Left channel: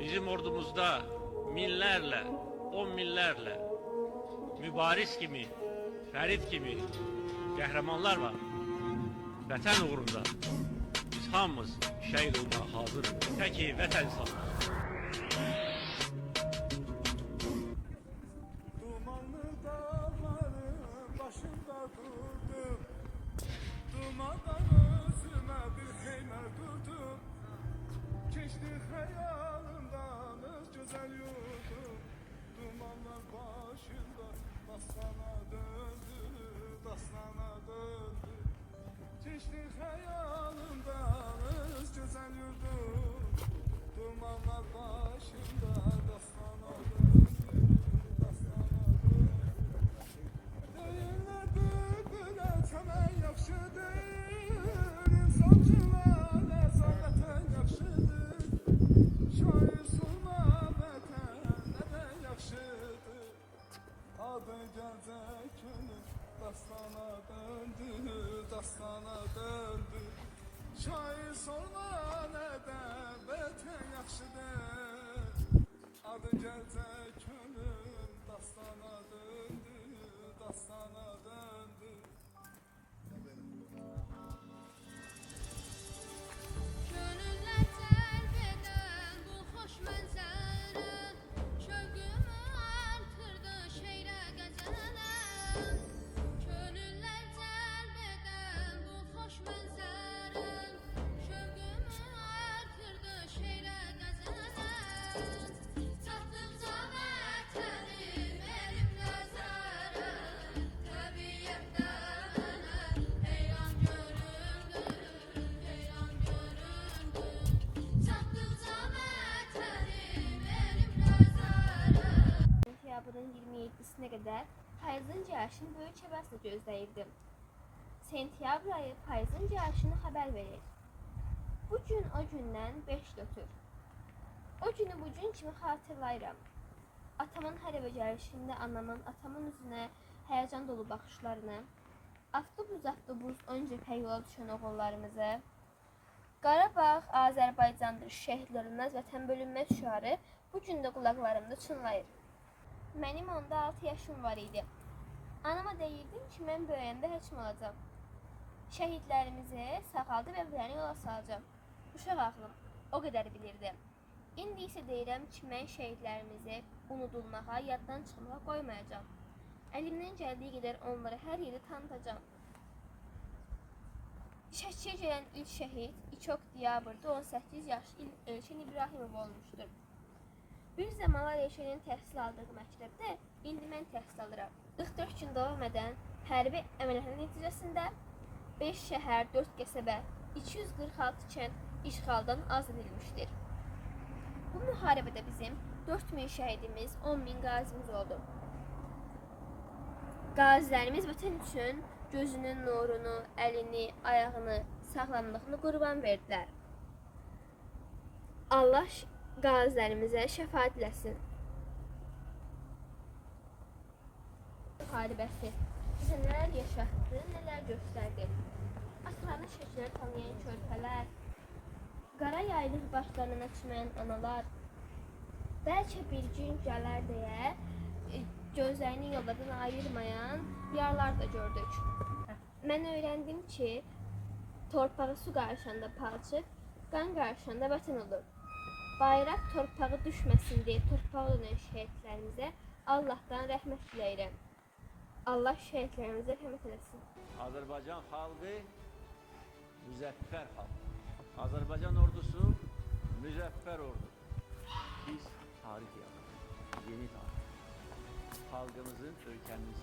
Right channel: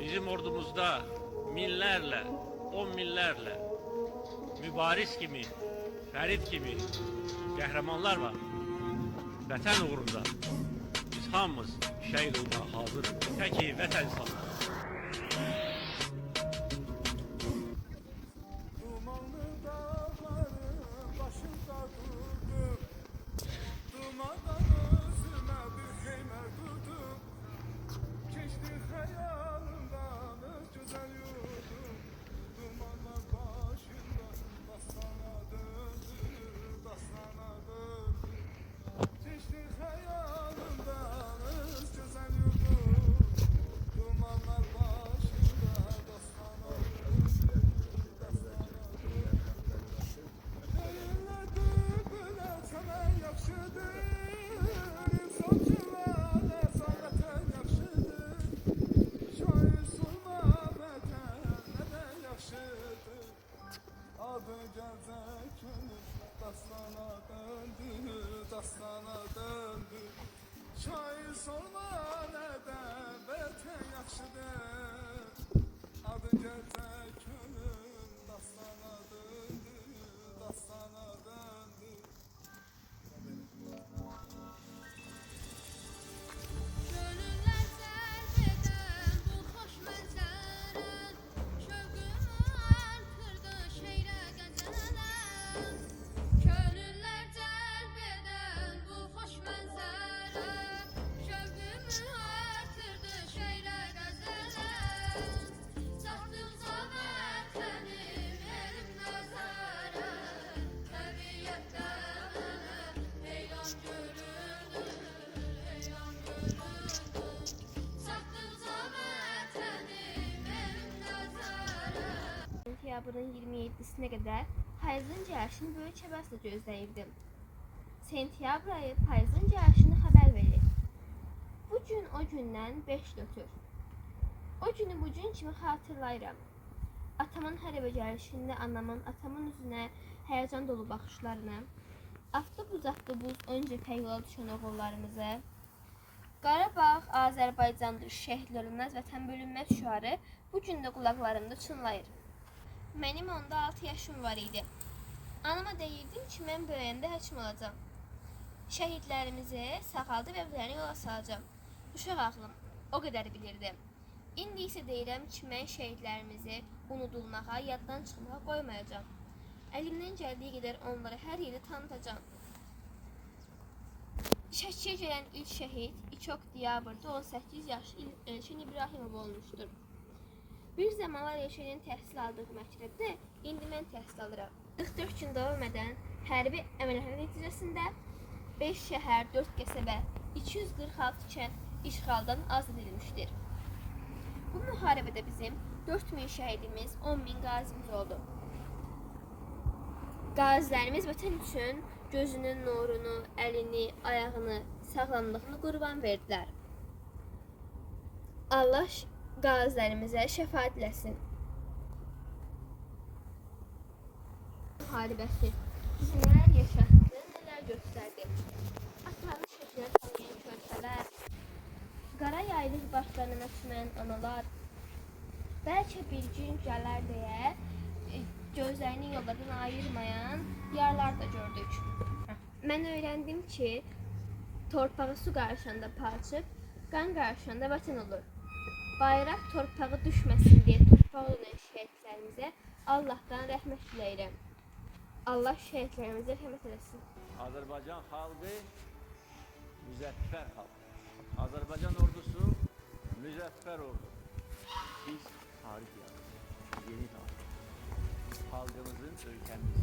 Bizim ordumuzda minlerle, on minlerle mübariz kimi, Ferit kimi qəhrəmanlar var. Vətən uğrunda biz hamımız şəhid olmağa hazırıq. Təki vətən sağ. Dumanlı dağların başında durdum. Dumandan özüme bir heymer kurdum. Geçti hayalımdan öz güzel yurdum. Dumanlar başında dastana döndü, dastana döndü. Geçti hayalımdan öz güzel yurdum. Dumanlar başında dastana döndü, dastana döndü. Deyirlər bülbülə çəmən yaxşıdır, insancılar nəzarətən yaxşıdır. Şair sorma vətən nədən yaxşıdır. Adı gəlcək könül dastana döndü, dastana döndü. Şair sorma nədən vətən yaxşıdır. Adı gəlcək könül dastana döndü, dastana döndü. Gönüller cəlb edən bu xoş mənzərə şövqümü artırdı şeirə qəzələ. Gönüller cəlb edən bu xoş mənzərə şövqümü artırdı şeirə qəzələ. Çatdıqca vətənim erim nəzərə təbiətdə mənə heyran göründü, heyran göründü. Çatdıqca vətənim erim nəzərə. Sentyabrın 27-sinə qədər payızın cəhşini böyük həvəslə gözləyirdim. Sentyabr ayı payızın cəhşini xəbər verir. Bu gün o gündən 5 götür. O günü bu gün kimi xatırlayıram. Atamın hər evə gəlişində anamın atamın üzünə həyəcan dolu baxışlarını, avtobuz öncə yola düşən oğullarımızı, Qarabağ Azərbaycandır, şəhidlər ölməz, vətən bölünməz şüarı bu gün də qulaqlarımda çınlayır. Mənim onda 6 yaşım var idi. Anama deyirdim ki, mən böyüyəndə həkim olacağam. Şəhidlərimizi sağaldı və evlərini yola salacağam. Uşaq ağlım o qədər bilirdim. İndi isə deyirəm ki, mən şəhidlərimizi unudulmağa, yaddan çıxmağa qoymayacağam. Əlimdən gəldiyi qədər onları hər yerdə tanıtacağam. Şəkiyə gələn ilk şəhid 2 oktyabrda 18 yaşlı Elçin İbrahimov olmuşdur. Bir zamanlar Elçinin təhsil aldığı məktəbdə indi mən təhsil alıram. 44 gün davam edən hərbi əməliyyatlar nəticəsində 5 şəhər, 4 qəsəbə, 246 kənd işğaldan azad edilmişdir. Bu müharibədə bizim 4000 şəhidimiz, 10.000 qazimiz oldu. Qazilərimiz vətən üçün gözünün nurunu, əlini, ayağını, sağlamlığını qurban verdilər. Allah qazilərimizə şəfaət eləsin. Müharibəsi bizə nələr yaşatdı, nələr göstərdi. Atalarını şəkillər tanıyan körpələr, qara yaylıq başlarına çümən analar, bəlkə bir gün gələr deyə gözlərini yollardan ayırmayan diyarlar da gördük. Mən öyrəndim ki, torpağı su qarşında palçıq, qan qarşında vətən olur. Bayraq torpağı düşməsin deyə torpağı olan şəhidlərimizə Allahdan rəhmət diləyirəm. Allah şəhidlərimizə rəhmət eləsin. Azərbaycan xalqı müzəffər xalq. Azərbaycan ordusu müzəffər ordu. Biz tarix yazırıq, yeni tarix. Xalqımızın, ölkəmizin